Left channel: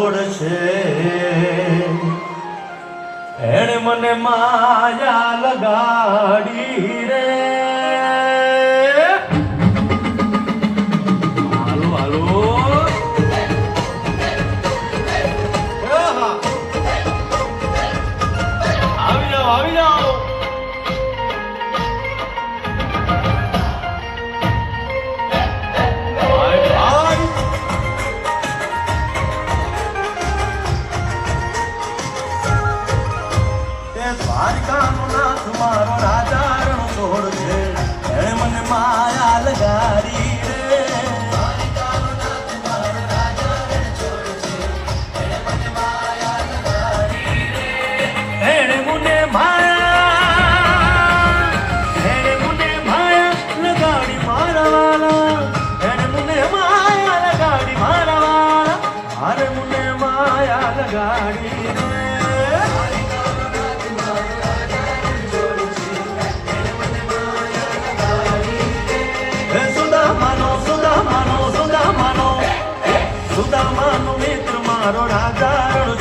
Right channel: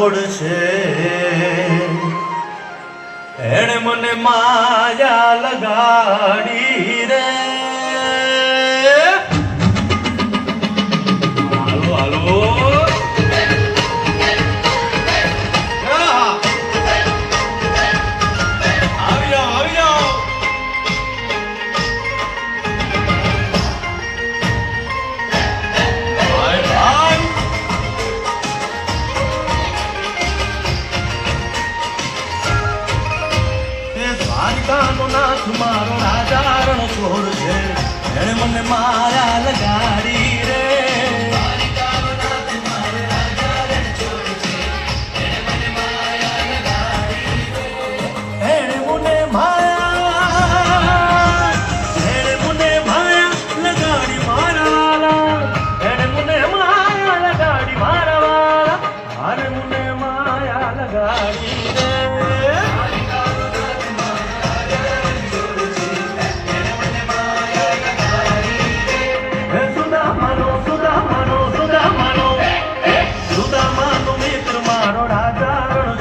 છોડ છે. એણે મને માયા my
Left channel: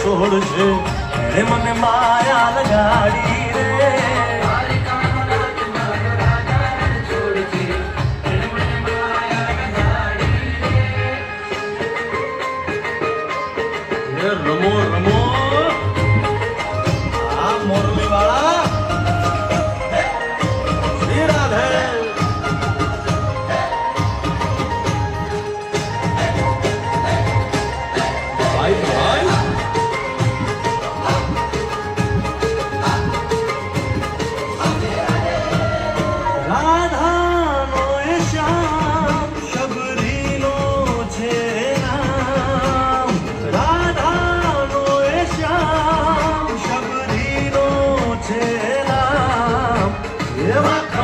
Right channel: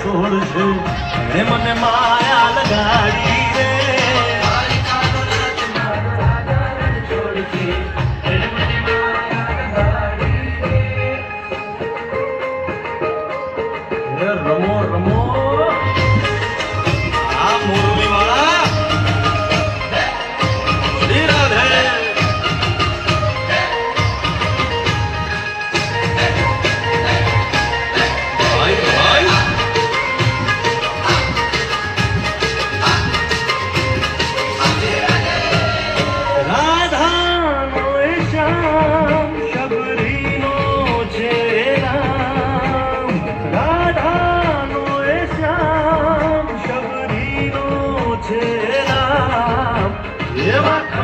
છોડશે એણે મને માયા લગાડી રે. રમો રમો. આ મોરલી Come on.